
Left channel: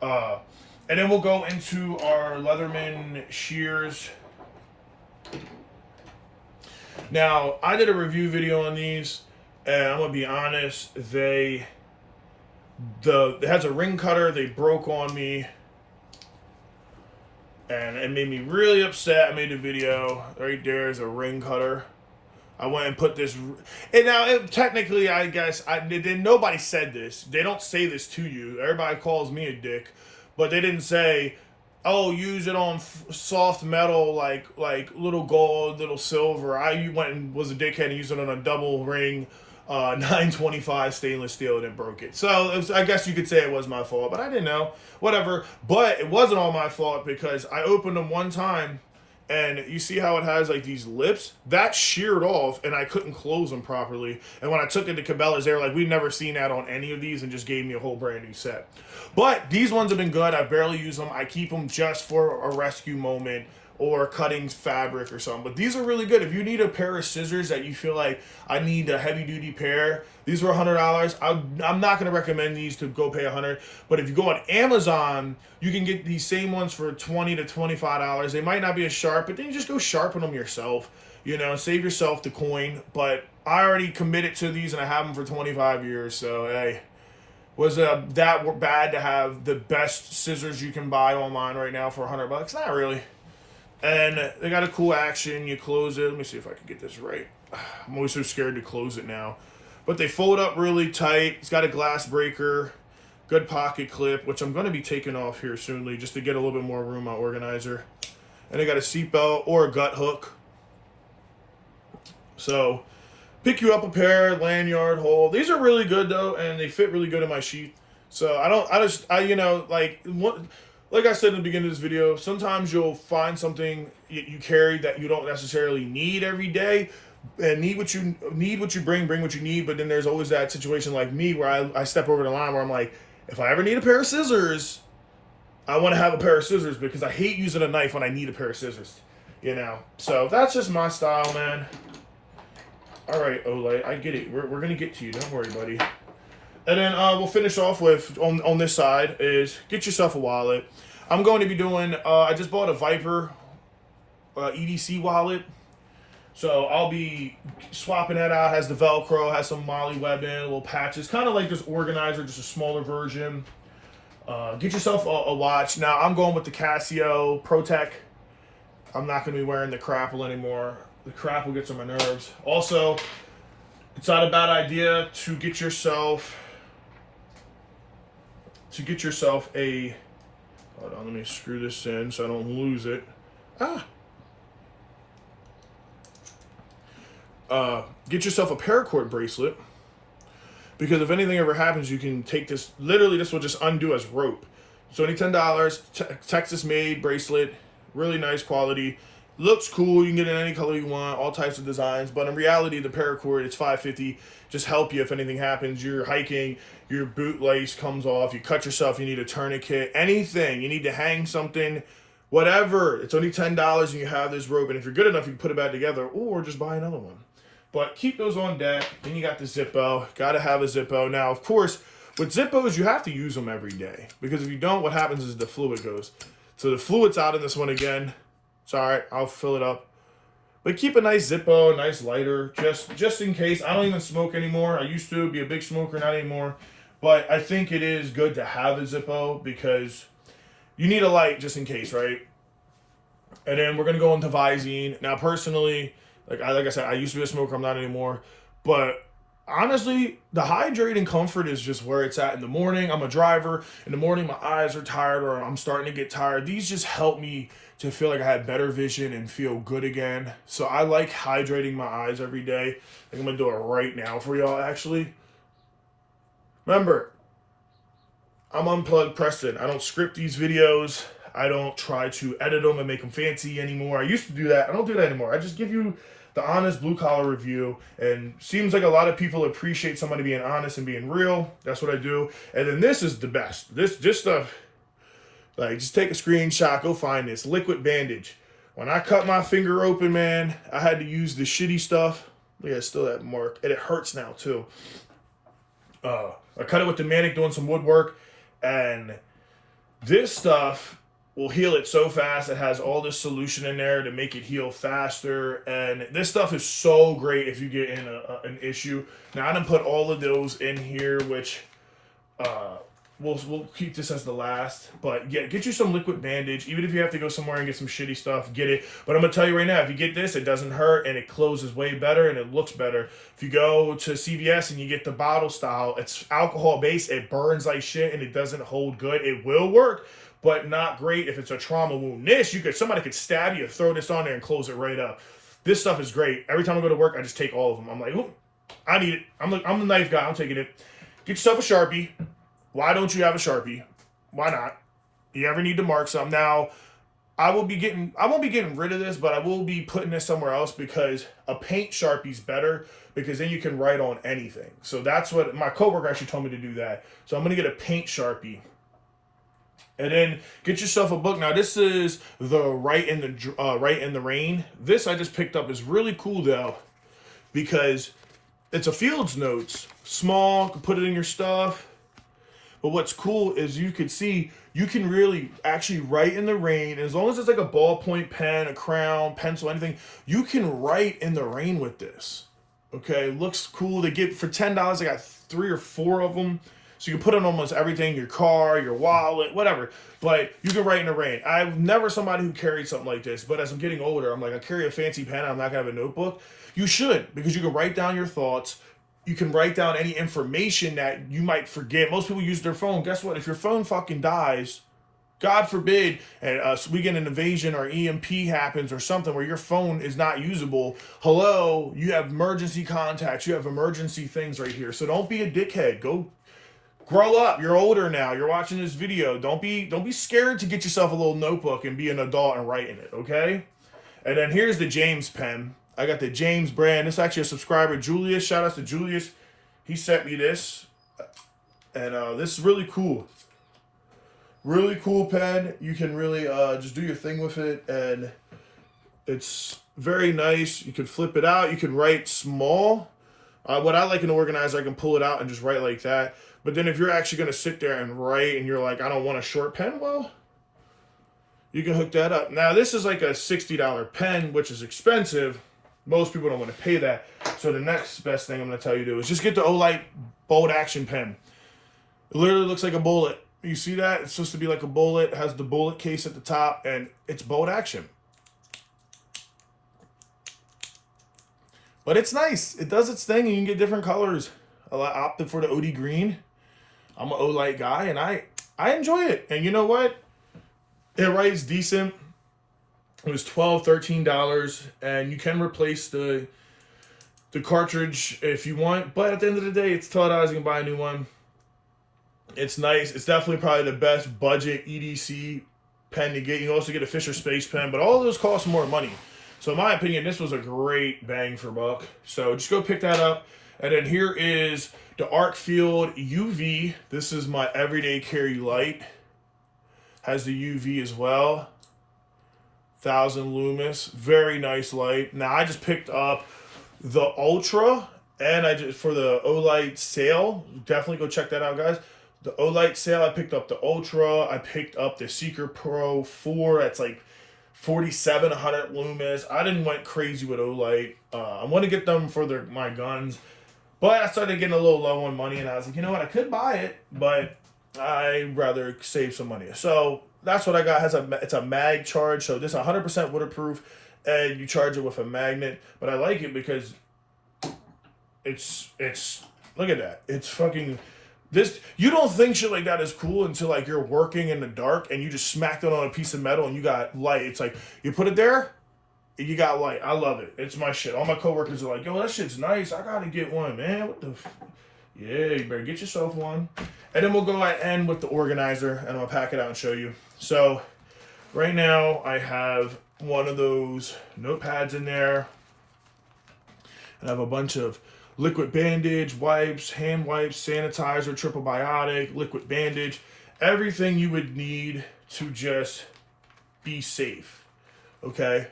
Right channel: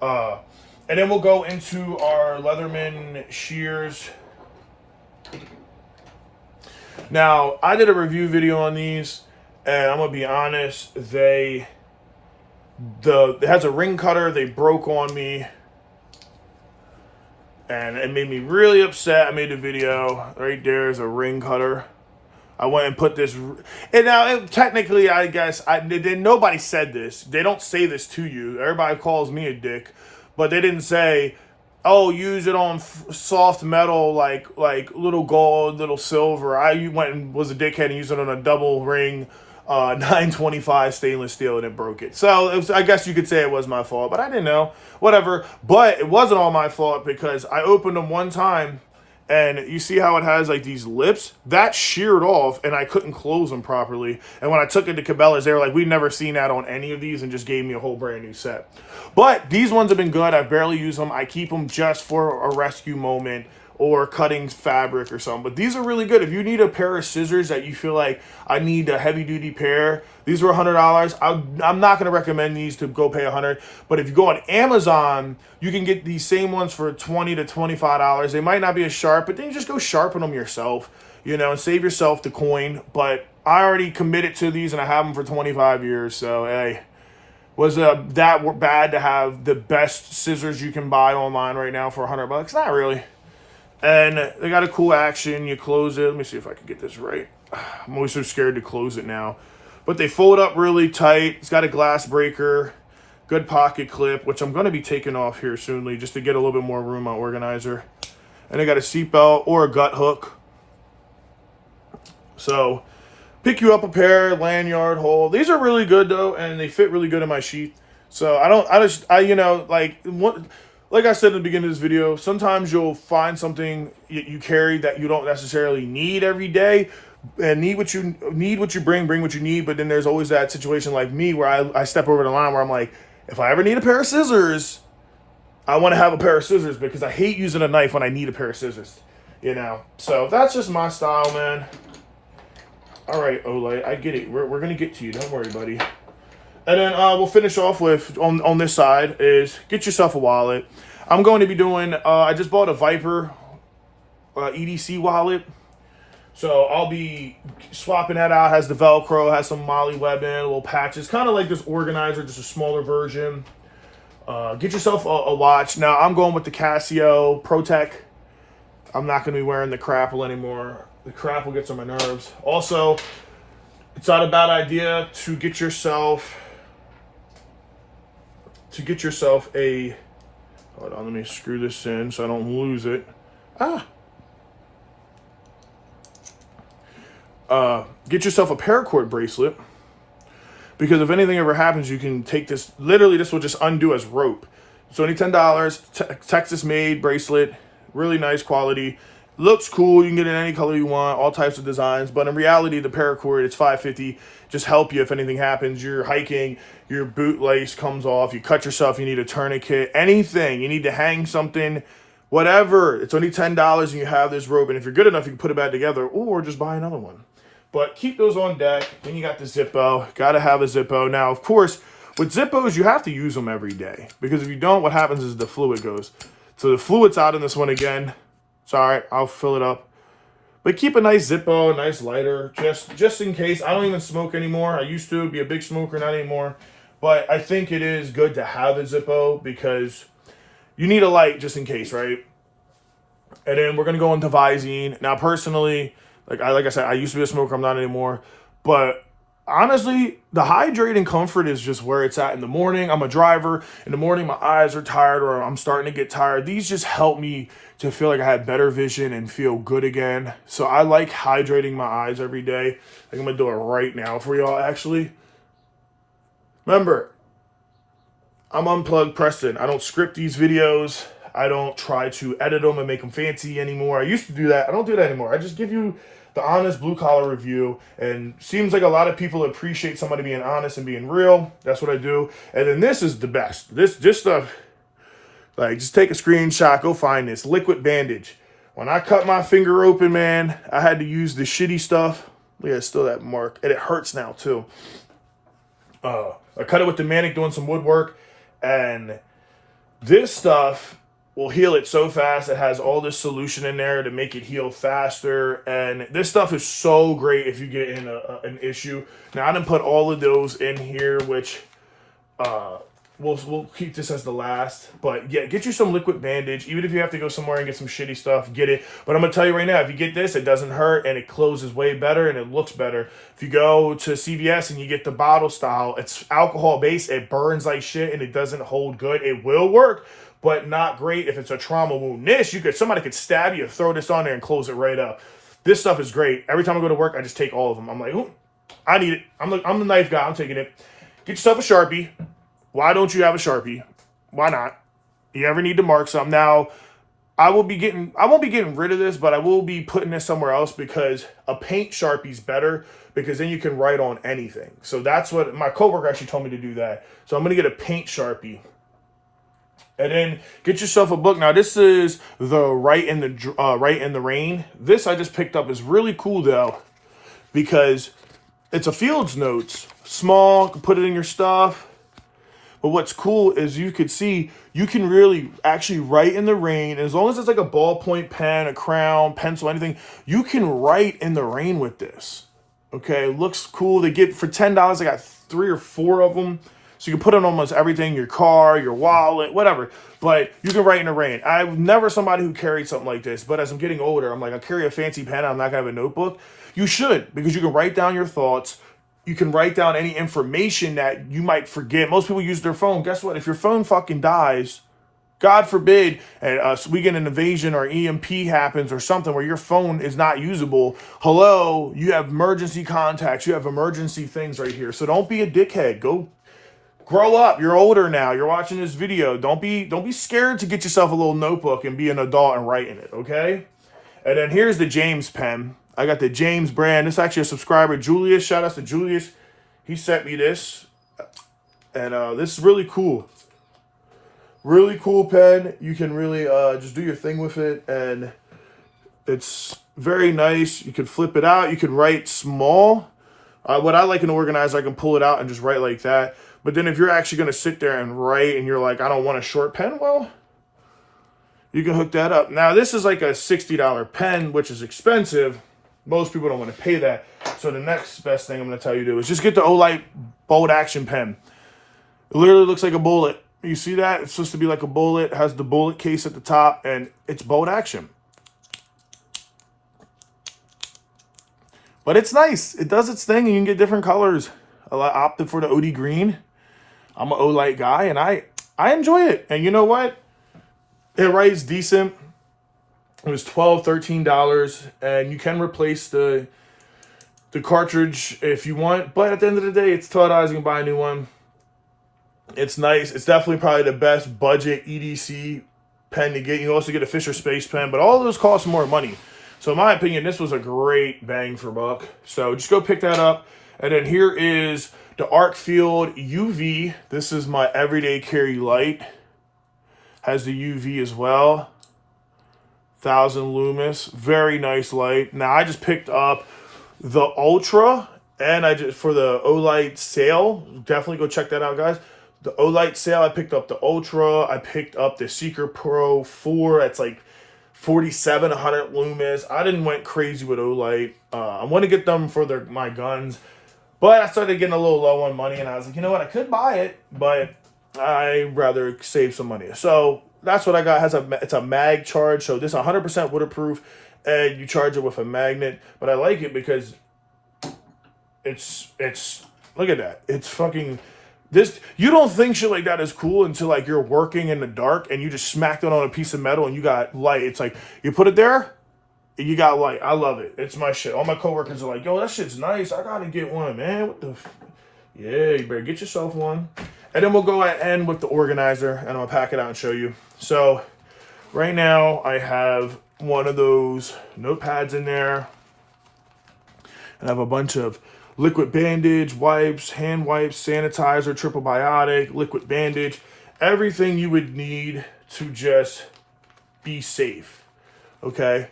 And then we'll go into our Leatherman shears. Now, I did a review video on these, and I'm gonna be honest, it has a ring cutter. They broke on me, and it made me really upset. I made a video. Right there is a ring cutter. I went and put this, and now technically, I guess nobody said this. They don't say this to you. Everybody calls me a dick, but they didn't say, "Oh, use it on soft metal like little gold, little silver." I went and was a dickhead and used it on a double ring. 925 stainless steel, and it broke it. So I guess you could say it was my fault, but I didn't know. Whatever. But it wasn't all my fault because I opened them one time, and you see how it has like these lips? That sheared off, and I couldn't close them properly. And when I took it to Cabela's, they were like, "We've never seen that on any of these," and just gave me a whole brand new set. But these ones have been good. I barely use them. I keep them just for a rescue moment or cutting fabric or something. But these are really good. If you need a pair of scissors that you feel like I need a heavy duty pair, these were $100. I'm not going to recommend these to go pay $100. But if you go on Amazon, you can get these same ones for $20 to $25. They might not be as sharp, but then you just go sharpen them yourself, you know, and save yourself the coin. But I already committed to these and I have them for 25 years. So, hey, was that bad to have the best scissors you can buy online right now for $100? Not really. And they got a cool action. You close it. Let me see if I can get this right. I'm always so scared to close it now. But they fold up really tight. It's got a glass breaker. Good pocket clip, which I'm going to be taking off here soonly just to get a little bit more room on organizer. And they got a seatbelt or a gut hook. So pick you up a pair, lanyard, hole. These are really good though, and they fit really good in my sheath. So like I said in the beginning of this video, sometimes you'll find something you carry that you don't necessarily need every day, and need what you bring what you need. But then there's always that situation like me where I step over the line where I'm like, if I ever need a pair of scissors, I want to have a pair of scissors because I hate using a knife when I need a pair of scissors, you know. So that's just my style, man. All right, Ole, I get it. We're gonna get to you. Don't worry, buddy. And then we'll finish off with, on this side, is get yourself a wallet. I'm going to be doing, I just bought a Viper EDC wallet. So I'll be swapping that out. It has the Velcro, has some Molly webbing, little patches. Kind of like this organizer, just a smaller version. Get yourself a watch. Now I'm going with the Casio ProTech. I'm not going to be wearing the Crapple anymore. The Crapple gets on my nerves. Also, it's not a bad idea to get yourself a, hold on, let me screw this in so I don't lose it. Get yourself a paracord bracelet, because if anything ever happens, you can take this, literally this will just undo as rope. It's only $10, Texas made bracelet, really nice quality. Looks cool. You can get it any color you want, all types of designs. But in reality, the paracord, it's $5.50. Just help you if anything happens. You're hiking, your boot lace comes off, you cut yourself, you need a tourniquet, anything. You need to hang something, whatever. It's only $10 and you have this rope. And if you're good enough, you can put it back together or just buy another one. But keep those on deck. Then you got the Zippo. Got to have a Zippo. Now, of course, with Zippos, you have to use them every day. Because if you don't, what happens is the fluid goes. So the fluid's out in this one again. It's all right. I'll fill it up. But keep a nice Zippo, a nice lighter, just in case. I don't even smoke anymore. I used to be a big smoker, not anymore. But I think it is good to have a Zippo because you need a light just in case, right? And then we're going to go into Visine. Now, personally, like I said, I used to be a smoker. I'm not anymore. But honestly, the hydrating comfort is just where it's at in the morning. I'm a driver. In the morning, my eyes are tired or I'm starting to get tired. These just help me to feel like I have better vision and feel good again. So I like hydrating my eyes every day. I think I'm going to do it right now for y'all, actually. Remember, I'm Unplugged Preston. I don't script these videos. I don't try to edit them and make them fancy anymore. I used to do that. I don't do that anymore. I just give you the honest blue-collar review, and seems like a lot of people appreciate somebody being honest and being real. That's what I do. And then this is the best. This just like, just take a screenshot, go find this. Liquid bandage. When I cut my finger open, man, I had to use the shitty stuff. Look at still that mark. And it hurts now, too. I cut it with the Manic doing some woodwork, and this stuff will heal it so fast. It has all this solution in there to make it heal faster. And this stuff is so great if you get in an issue. Now, I didn't put all of those in here, which we'll keep this as the last. But yeah, get you some liquid bandage. Even if you have to go somewhere and get some shitty stuff, get it. But I'm going to tell you right now, if you get this, it doesn't hurt and it closes way better and it looks better. If you go to CVS and you get the bottle style, it's alcohol based. It burns like shit and it doesn't hold good. It will work, but not great if it's a trauma wound. Somebody could stab you, throw this on there and close it right up. This stuff is great. Every time I go to work, I just take all of them. I'm like, ooh, I need it. I'm the knife guy. I'm taking it. Get yourself a Sharpie. Why don't you have a Sharpie? Why not? You ever need to mark something? Now, I won't be getting rid of this, but I will be putting this somewhere else because a paint Sharpie's better because then you can write on anything. So that's what my coworker actually told me to do that. So I'm going to get a paint Sharpie. And then get yourself a book. Now this is the Write in the Rain. This I just picked up is really cool though because it's a Fields Notes. Small, you can put it in your stuff. But what's cool is you could see you can really actually write in the rain. As long as it's like a ballpoint pen, a crayon, pencil, anything, you can write in the rain with this. Okay, it looks cool. They get for $10. I got 3 or 4 of them. So you can put on almost everything, your car, your wallet, whatever. But you can write in the rain. I'm never somebody who carried something like this. But as I'm getting older, I'm like, I carry a fancy pen. I'm not going to have a notebook. You should, because you can write down your thoughts. You can write down any information that you might forget. Most people use their phone. Guess what? If your phone fucking dies, God forbid, and we get an invasion or EMP happens or something where your phone is not usable. Hello, you have emergency contacts. You have emergency things right here. So don't be a dickhead. Go grow up. You're older now. You're watching this video. Don't be scared to get yourself a little notebook and be an adult and write in it, okay? And then here's the James pen. I got the James brand. This is actually a subscriber, Julius. Shout out to Julius. He sent me this. And this is really cool. Really cool pen. You can really just do your thing with it. And it's very nice. You can flip it out. You can write small. What I like in Organizer, I can pull it out and just write like that. But then if you're actually going to sit there and write and you're like, I don't want a short pen, well, you can hook that up. Now, this is like a $60 pen, which is expensive. Most people don't want to pay that. So the next best thing I'm going to tell you to do is just get the Olight Bolt Action pen. It literally looks like a bullet. You see that? It's supposed to be like a bullet. It has the bullet case at the top, and it's bolt action. But it's nice. It does its thing, and you can get different colors. I opted for the OD green. I'm an Olight guy, and I enjoy it. And you know what? It writes decent. It was $12, $13, and you can replace the cartridge if you want. But at the end of the day, it's $12. You can buy a new one. It's nice. It's definitely probably the best budget EDC pen to get. You can also get a Fisher Space pen, but all those cost more money. So in my opinion, this was a great bang for buck. So just go pick that up. And then here is the Arcfield UV. This is my everyday carry light. Has the UV as well. 1000 Loomis. Very nice light. Now I just picked up the Ultra, and I just for the Olight sale. Definitely go check that out, guys. The Olight sale, I picked up the Ultra. I picked up the Seeker Pro 4. It's like 47, 100 Loomis. I didn't went crazy with Olight. I want to get them for my guns. But I started getting a little low on money, and I was like, you know what? I could buy it, but I'd rather save some money. So that's what I got. It's a mag charge. So this is 100% waterproof, and you charge it with a magnet. But I like it because it's look at that. It's fucking this. You don't think shit like that is cool until like you're working in the dark and you just smacked it on a piece of metal and you got light. It's like you put it there. You got light. I love it. It's my shit. All my coworkers are like, yo, that shit's nice. I gotta get one, man. What the yeah, you better get yourself one. And then we'll go at end with the organizer, and I'm gonna pack it out and show you. So right now I have one of those notepads in there. And I have a bunch of liquid bandage, wipes, hand wipes, sanitizer, triple biotic, liquid bandage, everything you would need to just be safe. Okay?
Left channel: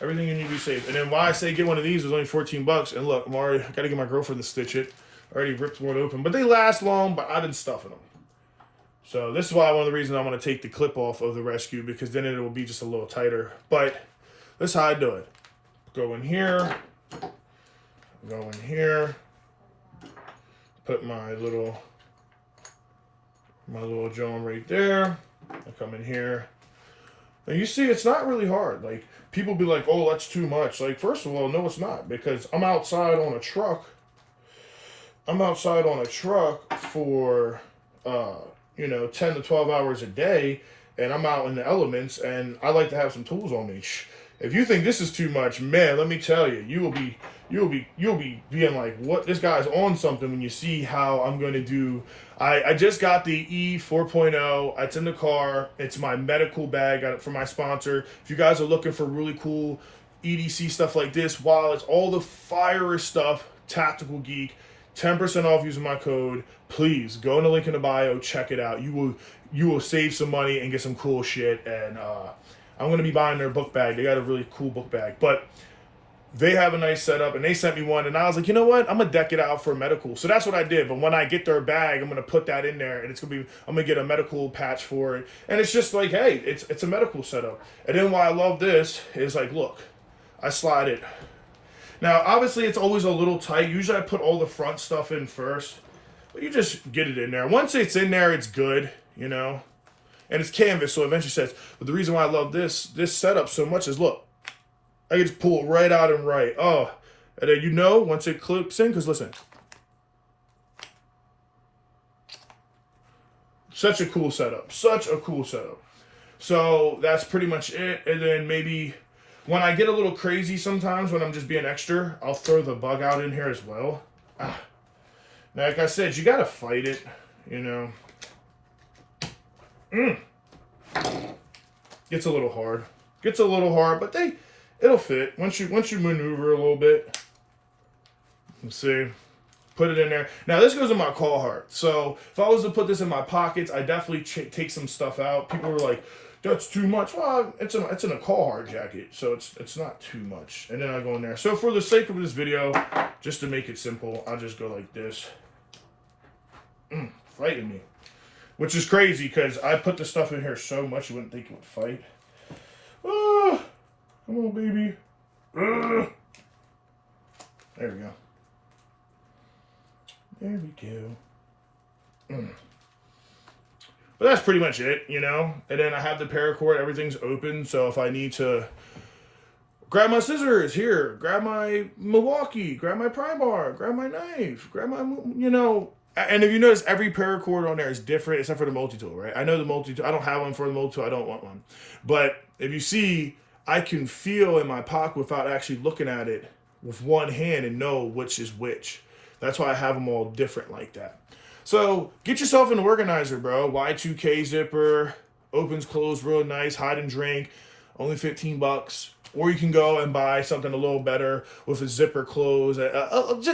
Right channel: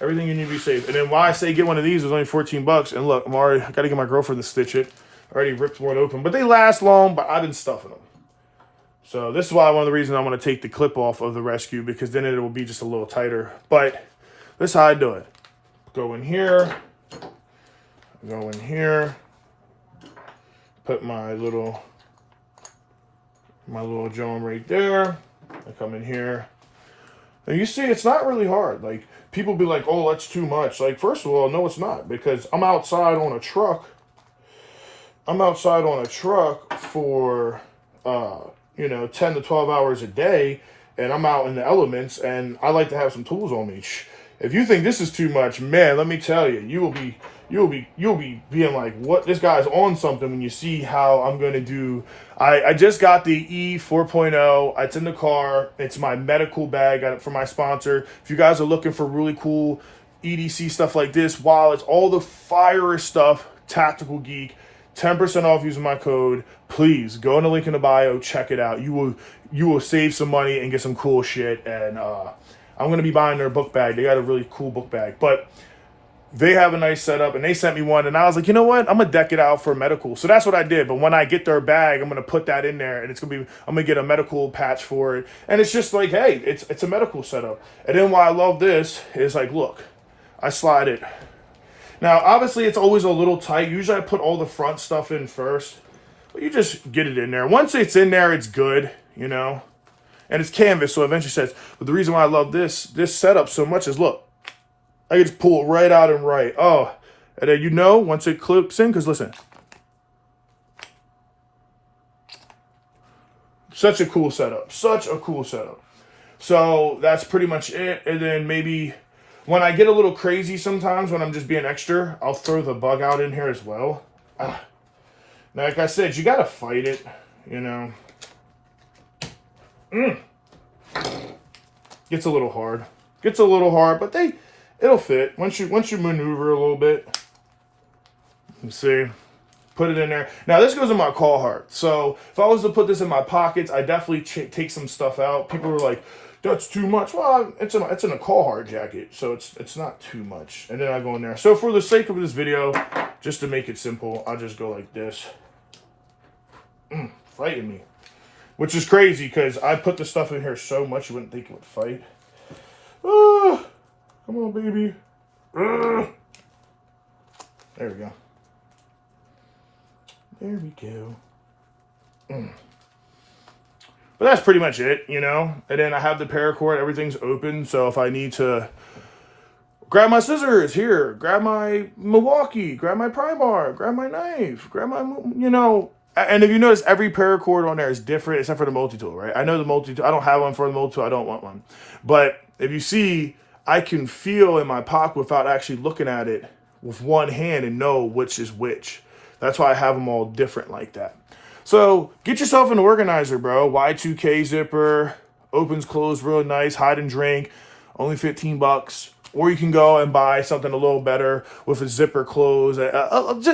Everything you need to be safe. And then why I say get one of these is only 14 bucks. And look, I got to get my girlfriend to stitch it. I already ripped one open. But they last long, but I've been stuffing them. So this is why one of the reasons I want to take the clip off of the Rescue, because then it will be just a little tighter. But this is how I do it. Go in here. Go in here. Put my little Joan right there. I come in here. And you see, it's not really hard. Like, people be like, oh, that's too much. Like, first of all, no, it's not. Because I'm outside on a truck. I'm outside on a truck for, 10 to 12 hours a day. And I'm out in the elements. And I like to have some tools on me. If you think this is too much, man, let me tell you, you'll be being like, what? This guy's on something when you see how I'm going to do. I just got the E 4.0. It's in the car. It's my medical bag. Got it from my sponsor. If you guys are looking for really cool EDC stuff like this, while it's all the fire stuff, Tactical Geek, 10% off using my code. Please go in the link in the bio. Check it out. You will save some money and get some cool shit. And I'm going to be buying their book bag. They got a really cool book bag. But they have a nice setup, and they sent me one, and I was like, you know what? I'm going to deck it out for medical. So that's what I did. But when I get their bag, I'm going to put that in there, and I'm going to get a medical patch for it. And it's just like, hey, it's a medical setup. And then why I love this is like, look, I slide it. Now, obviously, it's always a little tight. Usually I put all the front stuff in first. But you just get it in there. Once it's in there, it's good, And it's canvas, so eventually says, but the reason why I love this setup so much is, look, I can just pull it right out and right. Oh, and then once it clips in, because listen. Such a cool setup. Such a cool setup. So that's pretty much it. And then maybe when I get a little crazy sometimes, when I'm just being extra, I'll throw the bug out in here as well. Now, like I said, you got to fight it, Gets a little hard. But it'll fit once you maneuver a little bit. You see, put it in there. Now this goes in my call heart. So if I was to put this in my pockets, I definitely take some stuff out. People were like, "That's too much." Well, it's in a call heart jacket, so it's not too much. And then I go in there. So for the sake of this video, just to make it simple, I'll just go like this. Fighting me. Which is crazy because I put the stuff in here so much you wouldn't think it would fight. Come on, baby. There we go. There we go. But that's pretty much it, And then I have the paracord. Everything's open. So if I need to grab my scissors, here. Grab my Milwaukee. Grab my pry bar. Grab my knife. Grab my, And if you notice, every paracord on there is different except for the multi-tool, right? I know the multi-tool. I don't have one for the multi-tool. I don't want one. But if you see, I can feel in my pocket without actually looking at it with one hand and know which is which. That's why I have them all different like that. So get yourself an organizer, bro. Y2K zipper. opens, closed real nice, hide and drink, only 15 bucks. Or you can go and buy something a little better with a zipper close.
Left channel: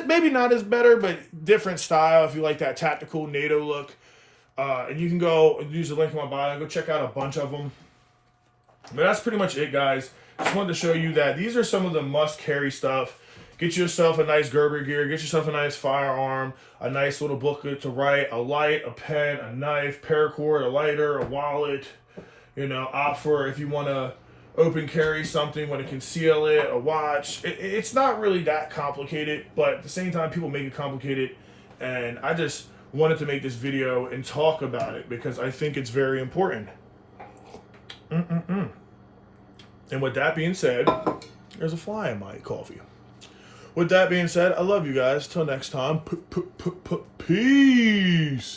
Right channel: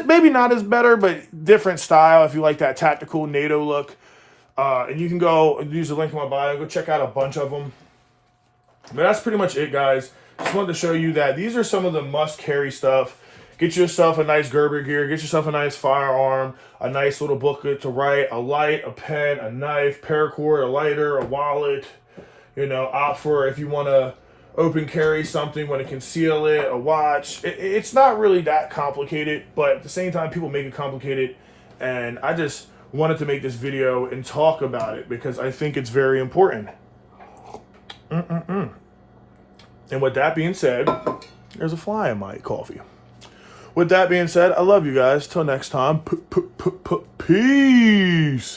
Maybe not as better, but different style if you like that tactical NATO look. And you can go and use the link in my bio. Go check out a bunch of them. But that's pretty much it, guys. Just wanted to show you that these are some of the must-carry stuff. Get yourself a nice Gerber gear. Get yourself a nice firearm. A nice little booklet to write. A light, a pen, a knife, paracord, a lighter, a wallet. You know, opt for if you want to open carry something, want to conceal it, a watch. It's not really that complicated, but at the same time, people make it complicated. And I just wanted to make this video and talk about it because I think it's very important. And with that being said, there's a fly in my coffee. With that being said, I love you guys. Till next time, peace.